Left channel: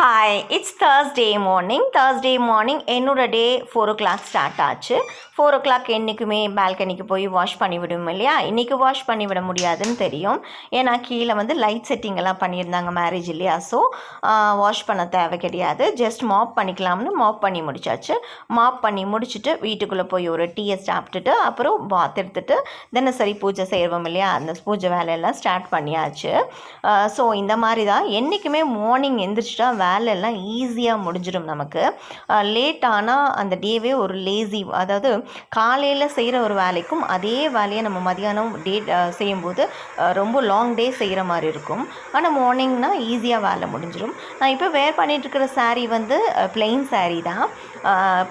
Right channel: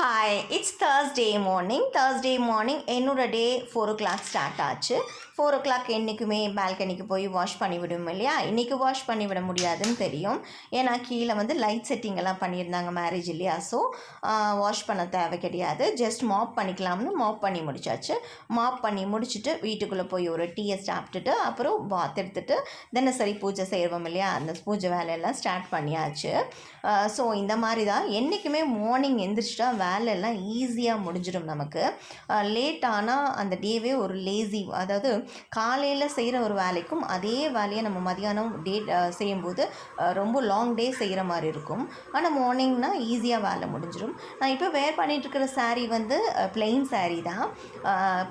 Hi it's Thursday morning Thursday morning என்னோட day four o'clock start ஆச்சு. Four o'clock என்றைக்குமே பால்கனிக்கு போய் வாஷ் பண்ணி விடுவோம் இல்லையா? இன்றைக்கி வாஷ் பண்ணி விட முடியாதுன்னு தெரியும். ஏன்னா கீழே வந்து லைட் செட்டிங் எல்லாம் பண்ணியிருந்தாங்க மேரேஜ் இல்லையா? ஸோ வாஷ் பண்ண தேவை கிடையாது. ஜஸ்ட் மாப் பண்ணிக்கலாம்னு மாப் பண்ணி முடிச்சாச்சு. மாப் பண்ணி முடிச்சுட்டு வீட்டுக்குள்ளே போய் ஒரு டீயை சாப்பிட்டுட்டு அப்புறம் பாத் எடுத்துட்டு தினசரி பூஜை செய்வோம் இல்லையா? அந்த பூஜை வேலையெல்லாம் ஸ்டார்ட் பண்ணியாச்சு. ஸோ இந்த மாதிரி தான். என்றைக்குமே மார்னிங் எந்திரிச்சிட்டா வேலையெல்லாம் ஈஸியாக முடிஞ்சிடும் நமக்கு. லேட் ஆனால் அந்த டேவே ஒரு லேசி அதாவது காலையில் செய்கிற ஒரு வேலைக்கும் அதே வேலையை நம்ம மதியானம் டே செய்யும்போது ரொம்ப லாங் டே செய்கிற மாதிரி இருக்கும். ஆனால் மார்னிங்னால் ஈஸியாக வேலை முடிஞ்சிடும். நான் இப்போ வேர் பண்ணிகிட்ருக்கிற சாரீ வந்து plain சாரீ தான்.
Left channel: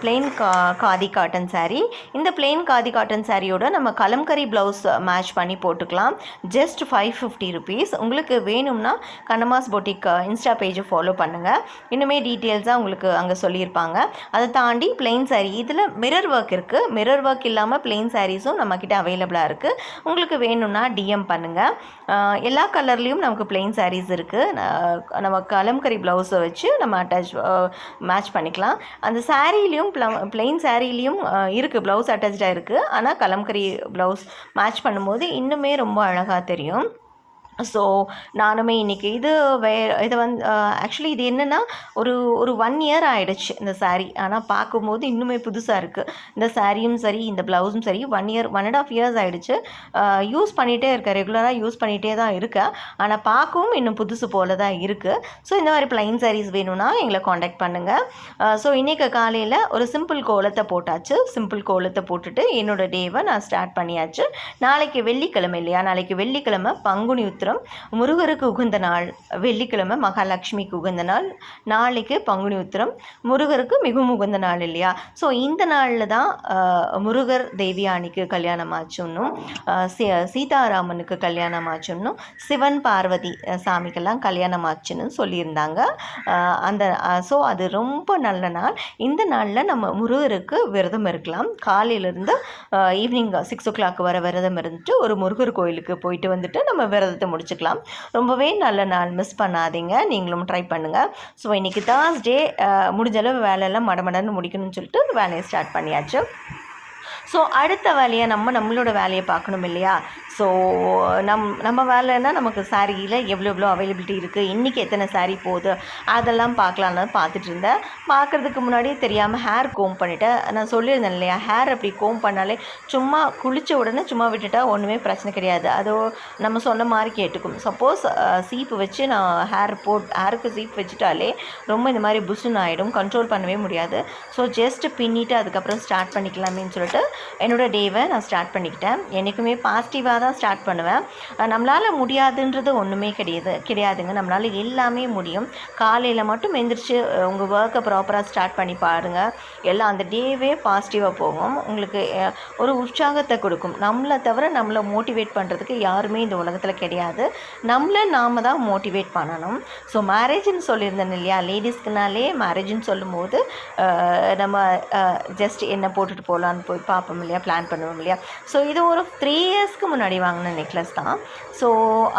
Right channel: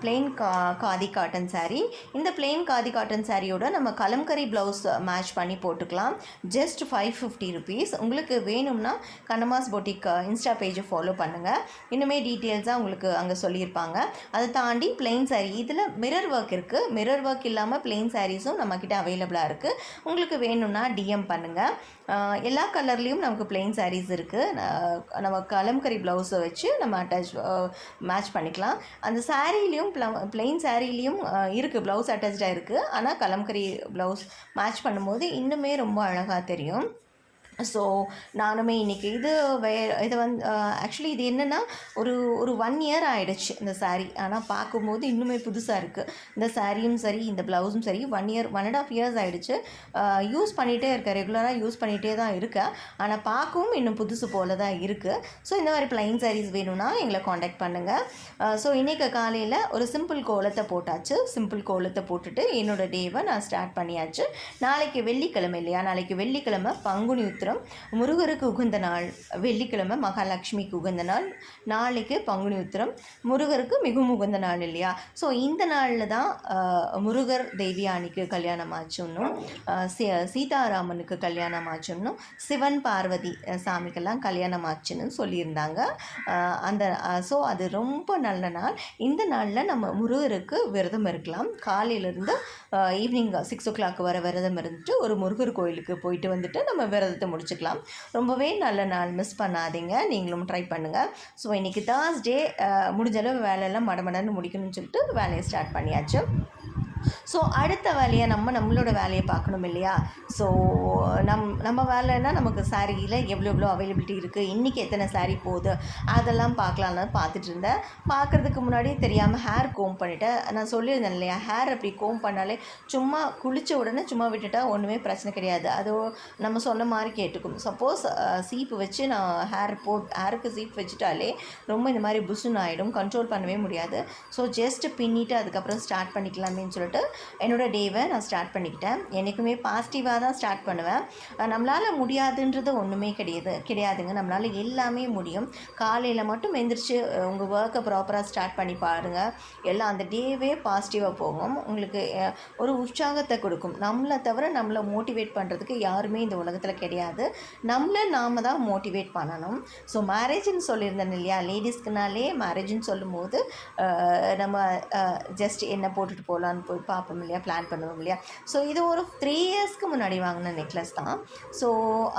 பிளெயின் கா காதி காட்டன் சாரீ இந்த பிளெயின் காதி காட்டன் சாரியோட நம்ம கலம்கரி ப்ளவுஸ் மேட்ச் பண்ணி போட்டுக்கலாம். ஜஸ்ட் ஃபைவ் ஃபிஃப்டி ருபீஸ் உங்களுக்கு வேணும்னா கண்ணமாஸ் பொட்டிக் இன்ஸ்டா பேஜை ஃபாலோ பண்ணுங்கள் இன்னுமே டீட்டெயில்ஸாக உங்களுக்கு அங்கே சொல்லியிருப்பாங்க. அதை தாண்டி பிளெயின் சாரீ இதில் மிரர் ஒர்க் இருக்குது மிரர் ஒர்க் இல்லாமல் பிளெயின் சாரீஸும் நம்மக்கிட்ட அவைலபிளாக இருக்குது உங்களுக்கு வேணும்னா டிஎம் பண்ணுங்கள் எல்லா கலர்லேயும் நமக்கு பிளெயின் சாரீஸ் இருக்குது நம்ம கலம்கரி ப்ளவுஸை வச்சு நம்ம அட்டாச் மேட்ச் பண்ணிக்கலாம். அந்த சாரீலையும் பிளெயின் சாரீலேயும் இருக்குது ப்ளவுஸ் அட்டாச்சாக இருக்குது ஆனால் கலம்கரி ப்ளவுஸ் மேட்ச் பண்ணும்போது இன்னுமே ரொம்ப அழகாக தெரியும். ஸோ நானுமே இன்றைக்கி இது வே இது வந்து ஆக்சுவலி இது என்னென்னா ஒரு ஒரு ஒன் இயர் ஆகிடுச்சு இந்த சாரீ ஆனால் பார்க்கும்போது இன்னுமே புதுசாக இருக்குது இந்த சாரியும் சரி இந்த ப்ளவுஸும் சரி one year one and half years ஆகிடுச்சு யூஸ் பண்ணிகிட்டே இருக்கேன். ரெகுலராக யூஸ் பண்ணிகிட்டே தான் இருக்கேன். ஆனால் பார்க்கவும் இன்னும் புதுசு போல தான் இருக்குது ஸோ இந்த மாதிரி ப்ளைன் சாரீஸ் வேணும்னா எங்களை காண்டாக்ட் பண்ணுங்கள் ஸோ இன்றைக்கு காலையில் ஒரு சிம்பிள் கோலத்தை போட்டாச்சு. சிம்பிள் கோலத்தை போட்டுட்டு என்னோட டேவை நான் ஸ்டார்ட் பண்ணியாச்சு. நாளைக்கு வெள்ளிக்கிழமை இல்லையா? நாளைக்கு வெள்ளிக்கிழமை பங்குனி உத்திரம் முருகருக்கு உகந்த நாள் வெள்ளிக்கிழமை மகாலட்சுமிக்கு உகந்த நாள் நாளைக்கு பங்குனி உத்திரம் முருகருக்கு மிகவும் உகந்த நாள் இல்லையா? ஸோ இந்த நாளில் தான் முருகர் தேவியானிக்கு கல்யாணம் ஆச்சுன்னும் சீ- சீதாராமனுக்கு கல்யாணம் ஆச்சுன்னும் சிவன் பார்வதி சாமிக்கெல்லாம் கல்யாணம் ஆச்சுன்னு சொல்லியிருந்தாங்க. அந்த ஸோ அது ரொம்ப நல்ல நாள். இந்த நாளில் நம்ம முருகருக்கு விரதம் இருக்கலாம். காலையிலேருந்து ஈவினிங் சிக்ஸ் ஓ கிளாக் வர விரதம் இருந்துட்டு ஒரு முருகர் கோயிலுக்கு போயிட்டு வந்துட்டு நம்ம விரதத்தை முடிச்சுக்கலாம். ரொம்பவே நல்ல நாள். மிஸ் பண்ணாதீங்க. நீங்களும் ட்ரை பண்ணுங்கள் ஸோ இன்றைக்கி தேர்ஸ்டே முடிஞ்ச அளவு வேலையெல்லாம் மடமடன்னு முடிக்கணும்னு சொல்லிட்டு வேலையை ஸ்டார்ட் பண்ணியாச்சு. ஸோ அடுத்த வேலையை நம்ம நம்மளோட வேலையை பார்க்கணும் இல்லையா? ஸோ நம் நம்ம வேலைன்னா நமக்கு சாரியில் எவ்வளோ எவ்வளோ அவைலபிலிட்டி இருக்குது இன்றைக்கி எத்தனை saree போகுது? அதெல்லாம் பார்க்கலான்னு பார்த்துட்டு இருந்தேன். பார்க்குறதுக்கு முன்னாடி தெரியாமல் ஹேர் கோம் பண்ணிவிட்டேன் நான் சொல்லியிருந்தேன் இல்லையா? ஹேர் அப்படி கோம் பண்ணாலே சும்மா குளித்த உடனே சும்மா விட்டுட்டா ஒன்றுமே பிரச்சனை கிடையாது. அது நம்ம சொன்ன மாதிரி கேட்டுக்கும். சப்போஸ் சீப்பு வச்சு நான் ஹேர் போட் ஹேருக்கு சீப் வச்சுட்டாலே ரொம்ப இந்த மாதிரி புஷுன்னு ஆகிடும் கண்ட்ரோல் பண்ணவே முடியாது. ஸோ ஜஸ்ட் பின்னிட்டு அதுக்கப்புறம் ஸ்டார்ட் பண்ணிக்கலாமேன்னு சொல்லிட்டு என்னோட டேவை நான் ஸ்டார்ட் பண்ணிக்கிட்டேன். என்றைக்குமே பாசிட்டிவாக தான் ஸ்டார்ட் பண்ணுவேன். நம்மளால் முடியாதுன்றது ஒன்றுமே கிடையாது கிடையாதுங்க. நம்மளால் எல்லாமே முடியும். காலையில் மட்டும் எந்திரிச்சு உங்கள் ஒர்க்கை ப்ராப்பராக ஸ்டார்ட் பண்ணி பாருங்கள் எல்லாம் அந்த டேவே பாசிட்டிவாக போகும். உங்களுக்கு ஒரு உற்சாகத்தை கொடுக்கும். நம்மளை தவிர நம்மளை மோட்டிவேட் பண்ணுறதுக்கு யாருமே இந்த உலகத்தில் கிடையாது. நம்மளை நாம் தான் மோட்டிவேட் பண்ணணும். ஸோ மேரேஜ்னு சொல்லியிருந்தேன் இல்லையா? லேடிஸ்க்குனாலே மேரேஜ்னு சொல்லும்போது நம்ம ஜஸ்ட் என்ன போட்டுட்டு போகலான்னு போய் பார்ப்போம் இல்லையா? பிளான் பண்ணுவோம் இல்லையா? ஸோ இது ஒரு த்ரீ இயர்ஸ்க்கு முன்னாடி வாங்கின நெக்லஸ் தான். ஸோ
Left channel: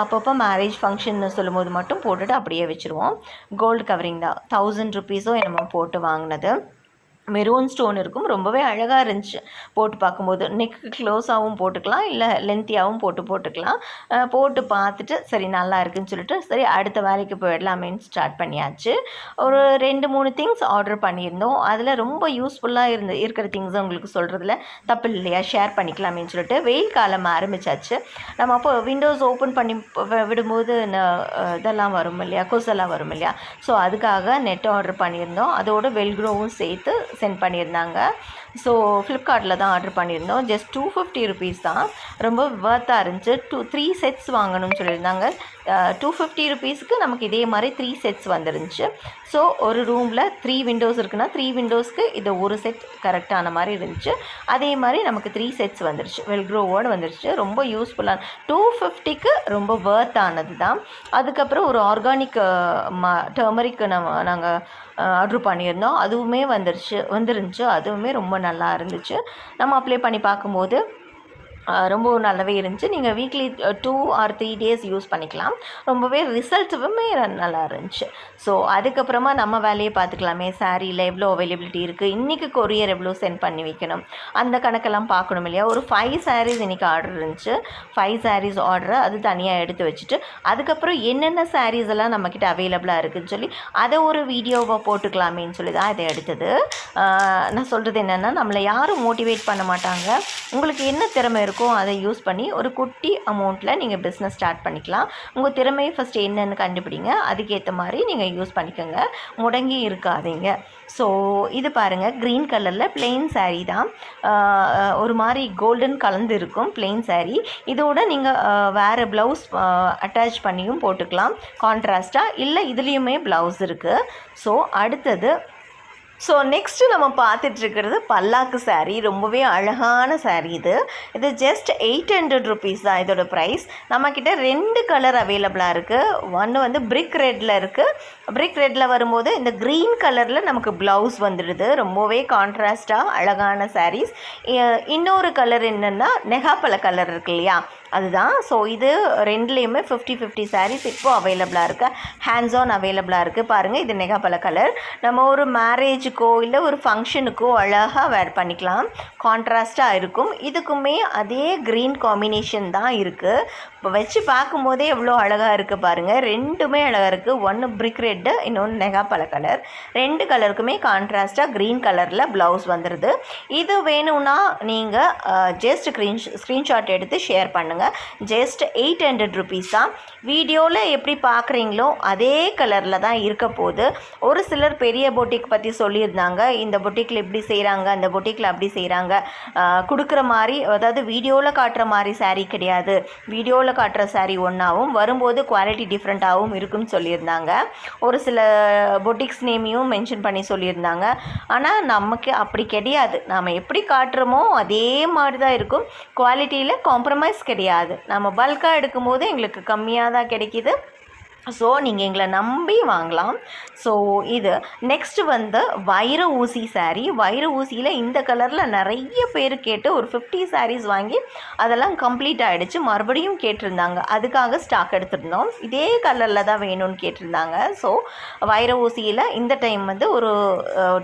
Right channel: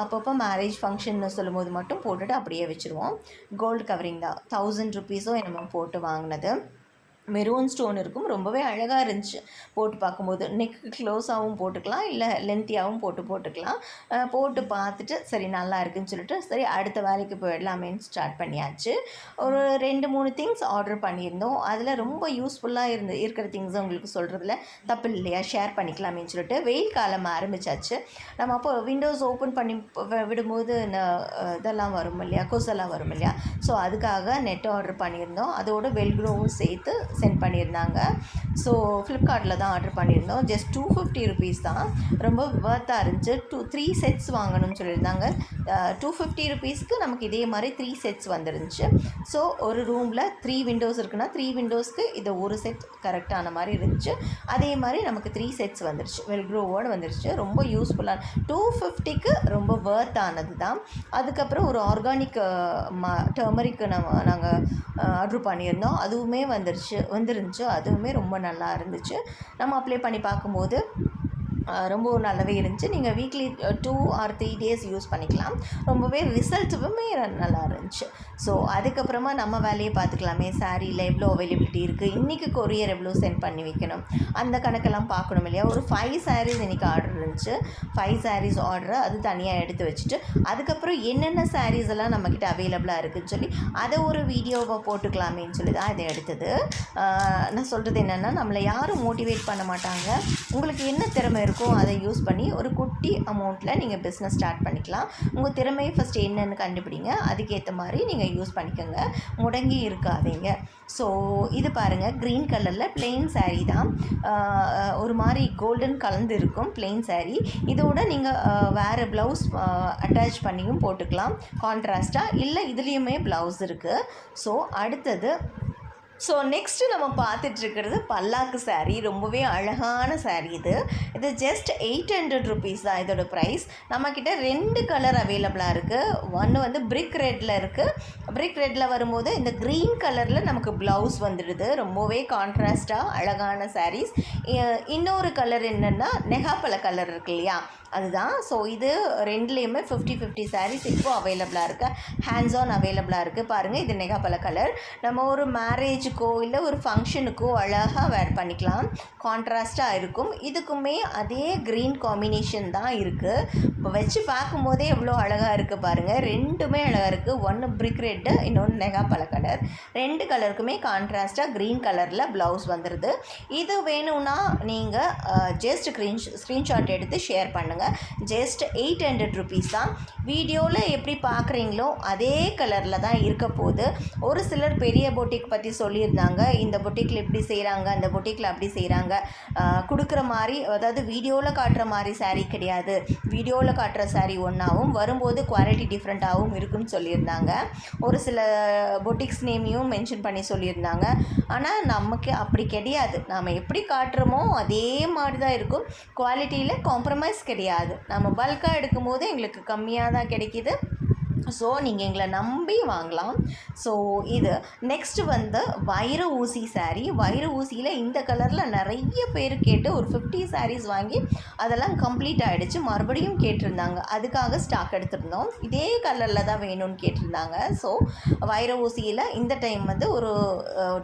அப்பப்போ மேரேஜ் ஃபங்க்ஷன் சொல்லும்போது மட்டும் போட்டுட்டு அப்படியே வச்சுருவோம். கோல்டு கவரிங் தான். தௌசண்ட் ருபீஸோ என்னமோ போட்டு வாங்கினது. மெரூன் ஸ்டோன் இருக்கும். ரொம்பவே அழகாக இருந்துச்சு. போட்டு பார்க்கும்போது. நெக்கு க்ளோஸாகவும் போட்டுக்கலாம். இல்லை லென்த்தியாகவும் போட்டு போட்டுக்கலாம். போட்டு பார்த்துட்டு சரி நல்லா இருக்குன்னு சொல்லிட்டு சரி அடுத்த வேலைக்கு போயிடலாமேன்னு ஸ்டார்ட் பண்ணியாச்சு. ஒரு ரெண்டு மூணு திங்ஸ் ஆர்டர் பண்ணியிருந்தோம். அதில் ரொம்ப யூஸ்ஃபுல்லாக இருந்து இருக்கிற திங்ஸ் உங்களுக்கு சொல்கிறதுல தப்பு இல்லையா? ஷேர் பண்ணிக்கலாமேன்னு சொல்லிட்டு வெயில் காலம் ஆரம்பிச்சாச்சு. நம்ம அப்போ விண்டோஸ் ஓப்பன் பண்ணி விடும்போது ந- இதெல்லாம் வரும் இல்லையா? கொசெல்லாம் வரும் இல்லையா? ஸோ அதுக்காக நெட் ஆர்டர் பண்ணியிருந்தோம். அதோட வெல்க்ரோவும் சேர்த்து சென்ட் பண்ணியிருந்தாங்க. ஸோ ஃப்ளிப்கார்ட்டில் தான் ஆர்டர் பண்ணியிருந்தோம். ஜஸ்ட் டூ ஃபிஃப்டி ருபீஸ் தான். ரொம்ப ஒர்த்தாக இருந்துச்சு. டூ த்ரீ செட்ஸ் வாங்கணும்னு சொல்லியிருந்தாங்க. டூ ஃபிஃப்டி ருபீஸ்க்கு நமக்கு இதே மாதிரி த்ரீ செட்ஸ் வந்துருந்துச்சு. ஸோ ஒரு ரூமில் த்ரீ விண்டோஸ் இருக்குன்னா த்ரீ விண்டோஸ்க்கு இது ஒரு செட் கரெக்டான மாதிரி இருந்துச்சு. அதே மாதிரி நமக்கு த்ரீ செட்ஸ் வந்துருச்சு. வெல்க்ரோவோடு வந்துருச்சு. ரொம்ப யூஸ்ஃபுல்லான டூ ஃபிஃப்டிக்கு ரொம்ப வேர்த் ஆனது தான். அதுக்கப்புறம் ஒரு ஆர்கானிக் ம டர்மரிக்கு நம்ம நாங்கள் ஆர்டர் பண்ணியிருந்தோம். அதுவுமே வந்துருச்சு வந்துருந்துச்சு. அதுவுமே ரொம்ப நல்லா இருந்துச்சு. நம்ம அப்ளை பண்ணி பார்க்கும்போது ரொம்ப நல்லாவே இருந்துச்சு. நீங்கள் weekly two or three days use பண்ணிக்கலாம். ரொம்பவே ரிசல்ட்டுமே நல்லா இருந்துச்சு. ஸோ அதுக்கப்புறமா நம்ம வேலையை பார்த்துக்கலாமே. சாரியில் எவ்வளோ அவைலபிலிட்டி இருக்குது இன்றைக்கி கொரியர் எவ்வளோ சென்ட் பண்ணி வைக்கணும்? அந்த கணக்கெல்லாம் பார்க்கணும் இல்லையா? ஒரு ஃபைவ் சாரீஸ் இன்றைக்கி ஆர்டர் இருந்துச்சு. ஃபைவ் சாரீஸ் ஆர்டரை அது தனியாக எடுத்து வச்சுட்டு அதுக்கப்புறம் என்னென்ன சாரீஸ் எல்லாம் நம்மக்கிட்ட அவைலபிளாக இருக்குதுன்னு சொல்லி அதை ஒரு வீடியோவாக போட்டுக்கலாமேன்னு சொல்லி தான் இதை எடுத்தது. நான் சொல்கிறது என்னென்னா நம்மளை யாரும் மோட்டிவேட் பண்ண மாட்டாங்க. உங்களுக்கு என்ன திறமை இருக்கோ அதை யூஸ் பண்ணி ஒரு குட்டி அமௌண்ட்டில் நீங்கள் பிஸ்னஸ் ஸ்டார்ட் பண்ணிக்கலாம். உங்கள் திறமையை ஃபஸ்ட்டு என்னென்னு கண்டுபிடிங்க. அதுக்கேற்ற மாதிரி நீங்கள் யூஸ் பண்ணிக்கோங்க. முடங்கி இருக்காதீங்க. ஸோ இது பாருங்கள் க்ரீன் கலரில் பிளெயின் சாரீ தான். ஒரு மாதிரி கோல்டன் கலந்து இருக்கும் பிளெயின் சாரீ இதோட நீங்கள் வேறு ப்ளவுஸ் அட்டாச் பண்ணியும் போட்டுக்கலாம். கான்ட்ராஸ்ட்டாக இல்லை இதுலேயுமே ப்ளவுஸ் இருக்குது ஸோ அடுத்தது ஸோ நெக்ஸ்ட்டு நம்ம பார்த்துட்ருக்கிறது பல்லாக்கு சாரீ ரொம்பவே அழகான சாரீ இது. இது ஜஸ்ட் எயிட் ஹண்ட்ரட் ருபீஸ் தான் இதோட ப்ரைஸ் நம்மக்கிட்ட ரெண்டு கலர் அவைலபிளாக இருக்குது ஒன்று வந்து பிரிக் ரெட்டில் இருக்குது பிரிக் ரெட்டில் வரும்போது இந்த க்ரீன் கலரில் நமக்கு ப்ளவுஸ் வந்துடுது. ரொம்பவே கான்ட்ராஸ்டாக அழகான சாரீஸ் இன்னொரு கலர் என்னென்னா நெகாப்பழ கலர் இருக்கு இல்லையா? அதுதான். ஸோ இது ரெண்டுலேயுமே ஃபிஃப்டி ஃபிஃப்டி சாரீஸ் இப்போ அவைலபிளாக இருக்குது ஹேண்ட்ஸ் ஆன் அவைலபிளாக இருக்குது பாருங்கள் இது நெகாப்பழ கலர் நம்ம ஒரு மேரேஜ் மேரேஜுக்கோ இல்லை ஒரு ஃபங்க்ஷனுக்கோ அழகாக வேர் பண்ணிக்கலாம். கான்ட்ராஸ்ட்டாக இருக்கும். இதுக்குமே அதே க்ரீன் காம்பினேஷன் தான் இருக்குது இப்போ வச்சு பார்க்கும்போதே எவ்வளோ அழகாக இருக்குது பாருங்கள் ரெண்டுமே அழகாக இருக்குது ஒன்று பிரிக் ரெட்டு இன்னொன்று நெகாப்பழ கலர் ரெண்டு கலருக்குமே கான்ட்ராஸ்ட்டாக க்ரீன் கலரில் ப்ளவுஸ் வந்துடுது இது வேணும்னா நீங்கள் ஜஸ்ட் ஸ்க்ரீன் ஸ்க்ரீன்ஷாட் எடுத்து ஷேர் பண்ணுங்கள் ஜஸ்ட் எயிட் ஹண்ட்ரட் ருபீஸ் தான். வீடியோவில் எப்படி பார்க்குறீங்களோ அதே கலரில் தான் இருக்க போகுது. ஒரு சிலர் பெரிய போட்டிக் பற்றி சொல்லியிருந்தாங்க. இந்த பொட்டிக்கில் இப்படி செய்கிறாங்க அந்த பொட்டிக்கில் அப்படி செய்கிறாங்க கொடுக்குற மாதிரி அதாவது வீடியோவில் காட்டுற மாதிரி சாரீ கிடையாது. வீடியோவில் காட்டுற சாரீ ஒன்றாவும் வரும்போது குவாலிட்டி டிஃப்ரெண்ட்டாகவும் இருக்குன்னு சொல்லியிருந்தாங்க. ஒரு சில பொட்டிக்ஸ் நேமையும் மென்ஷன் பண்ணி சொல்லியிருந்தாங்க. ஆனால் நமக்கு அப்படி கிடையாது. நாம் எப்படி காட்டுறோமோ அதே மாதிரி தான் இருக்கும் குவாலிட்டியில் காம்ப்ரமைஸ் கிடையாது. நம்ம பல்காக எடுக்கும்போது எங்களுக்கு கம்மியாக தான் கிடைக்கிது. ஸோ நீங்கள் எங்களை நம்பி வாங்கலாம். ஸோ இது நெக்ஸ்ட்டு வந்து வைர ஊசி சாரீ வைர ஊசியில் இந்த கலரில் நிறைய பேர் கேட்டு ஒரு ஃபிஃப்டி சாரீஸ் வாங்கி அதெல்லாம் கம்ப்ளீட் ஆகிடுச்சு மறுபடியும் கேட்டிருந்தாங்க. அதுக்காக ஸ்டாக் எடுத்திருந்தோம். இதே கலரில் தான் வேணும்னு கேட்டிருந்தாங்க. ஸோ வைர ஊசியில் இந்த டைம் வந்து ஒரு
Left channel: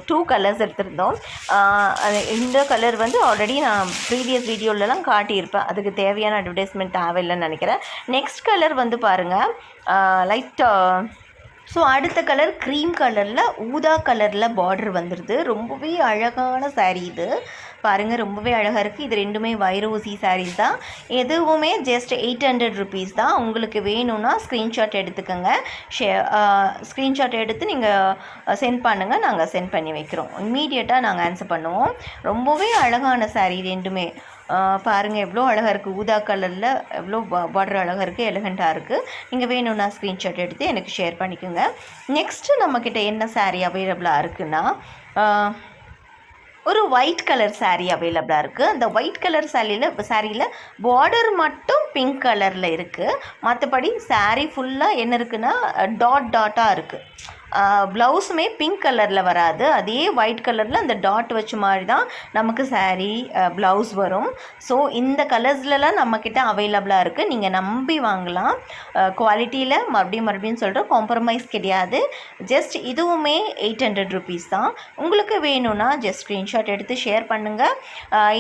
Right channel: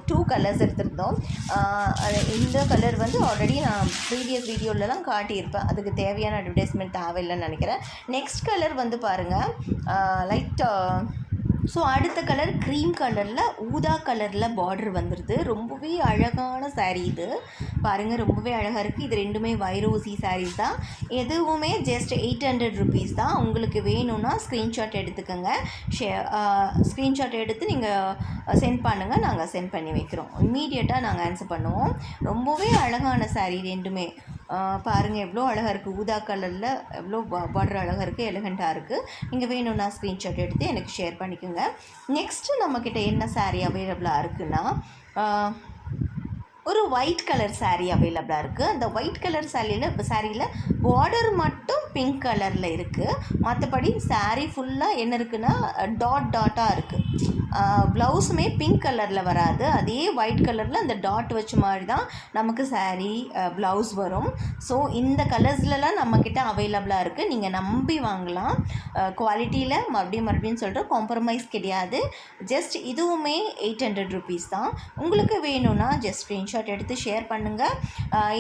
டூ கலர்ஸ் எடுத்திருந்தோம். இந்த கலர் வந்து ஆல்ரெடி நான் ப்ரீவியஸ் வீடியோலலாம் காட்டியிருப்பேன். அதுக்கு தேவையான அட்வர்டைஸ்மெண்ட் தேவையில்லைன்னு நினைக்கிறேன். நெக்ஸ்ட் கலர் வந்து பாருங்கள் லைட் ஸோ uh, அடுத்த கலர் க்ரீம் கலரில் ஊதா கலரில் பார்டர் வந்துடுது ரொம்பவே அழகான சாரீ இது. பாருங்கள் ரொம்பவே அழகாக இருக்குது இது ரெண்டுமே வைரோசி சாரீஸ் தான். எதுவுமே ஜஸ்ட் எயிட் ஹண்ட்ரட் ருபீஸ் தான். உங்களுக்கு வேணும்னா ஸ்க்ரீன்ஷாட் எடுத்துக்கோங்க. ஷே ஸ்க்ரீன்ஷாட் எடுத்து நீங்கள் சென்ட் uh, பண்ணுங்கள் நாங்கள் சென்ட் பண்ணி வைக்கிறோம். இம்மீடியட்டாக நாங்கள் ஆன்சர் பண்ணுவோம். ரொம்பவே அழகான சாரீ ரெண்டுமே. பாருங்கள் எவ்வளோ அழகாக இருக்குது ஊதா கலரில் எவ்வளோ பார்டர் அழகாக இருக்குது எலகண்ட்டாக இருக்குது நீங்கள் வேணும்னா ஸ்க்ரீன்ஷாட் எடுத்து எனக்கு ஷேர் பண்ணிக்கோங்க. நெக்ஸ்ட்டு நம்மக்கிட்ட என்ன சாரீ அவைலபிளாக இருக்குன்னா ஒரு ஒயிட் கலர் சாரீ அவைலபிளாக இருக்குது அந்த ஒயிட் கலர் சாரியில் சாரியில் பார்டர் மட்டும் பிங்க் கலரில் இருக்குது மற்றபடி சாரீ ஃபுல்லாக என்ன இருக்குன்னா டாட் டாட்டாக இருக்குது ப்ளவுஸுமே பிங்க் கலரில் வராது. அதே ஒயிட் கலரில் அந்த டாட் வச்ச மாதிரி தான் நமக்கு சாரீ ப்ளவுஸ் வரும். ஸோ இந்த கலர்ஸ்லலாம் நம்மக்கிட்ட அவைலபிளாக இருக்குது நீங்கள் நம்பி வாங்கலாம். குவாலிட்டியில் மறுபடியும் மறுபடியும் சொல்கிறோம் காம்ப்ரமைஸ் கிடையாது. ஜஸ்ட் இதுவுமே எயிட் ஹண்ட்ரட் ருபீஸ் தான். உங்களுக்கு வேணும்னா ஜஸ்ட் ஸ்க்ரீன்ஷாட் எடுத்து ஷேர் பண்ணுங்கள்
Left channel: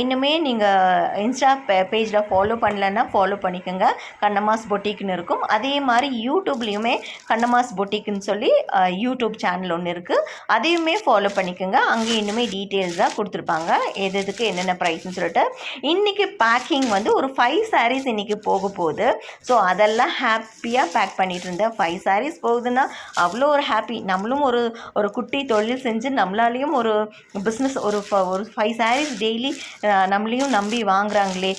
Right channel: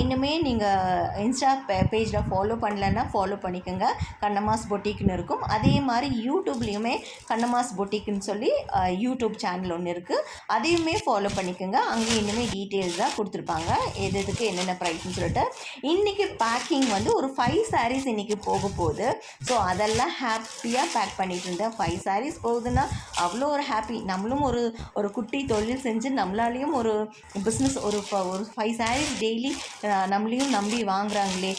இன்னுமே நீங்கள் இன்ஸ்டா பேஜில் ஃபாலோ பண்ணலன்னா ஃபாலோ பண்ணிக்கோங்க. கண்ணமாஸ் பொட்டிக்னு இருக்கும். அதே மாதிரி யூடியூப்லேயுமே கண்ணமாஸ் பொட்டிக்னு சொல்லி யூடியூப் சேனல் ஒன்று இருக்குது அதையுமே ஃபாலோ பண்ணிக்கோங்க. அங்கே இன்னுமே டீட்டெயில்ஸாக கொடுத்துருப்பாங்க. எது எதுக்கு என்னென்ன ப்ரைஸ்னு சொல்லிட்டு. இன்றைக்கி பேக்கிங் வந்து ஒரு ஃபைவ் சாரீஸ் இன்றைக்கி போக போகுது. ஸோ அதெல்லாம் ஹாப்பியாக பேக் பண்ணிகிட்டு இருந்தேன். ஃபைவ் சாரீஸ் போகுதுன்னா அவ்வளோ ஒரு ஹாப்பி நம்மளும் ஒரு ஒரு குட்டி தொழில் செஞ்சு நம்மளாலேயும் ஒரு பிஸ்னஸ் ஒரு ஃப- ஒரு ஃபைவ் சாரீஸ் டெய்லி நம்மளையும் நம்பி வாங்குறாங்களே.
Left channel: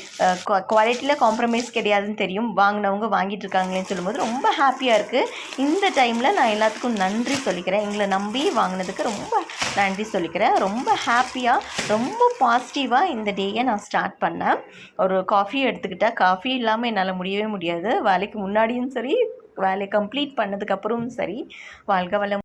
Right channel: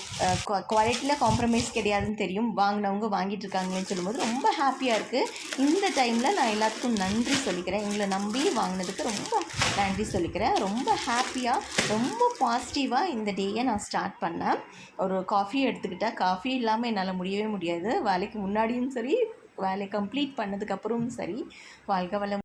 குவாலிட்டியில் காம்ப்ரமைஸ் கிடையாதுன்னு தெரியும். வாங்கினவங்க வாங்கிட்டு இருக்காங்களேன்னு சொல்லும்போது ரொம்ப ஹாப்பியாக இருக்குது இந்த டைமில் நான் எல்லாத்துக்கும் நன்றி சொல்லிக்கிறேன். எங்களை நம்பி வாங்கினதுக்கு ரொம்ப நன்றி சொல்லிக்கிறேன். ரொம்ப ஹாப்பியாக ரொம்ப பாசிட்டிவாக இந்த டேயை நான் ஸ்டார்ட் பண்ணேன். ஒரு காஃபி எடுத்துக்கிட்டால் காஃபி இல்லாமல் என்னால் முடியவே முடியாது. வேலைக்கு முன்னாடியும் சரி வேலையை கம்ப்ளீட் பண்ணதுக்கப்புறமும் சரி வாழ்க வளம்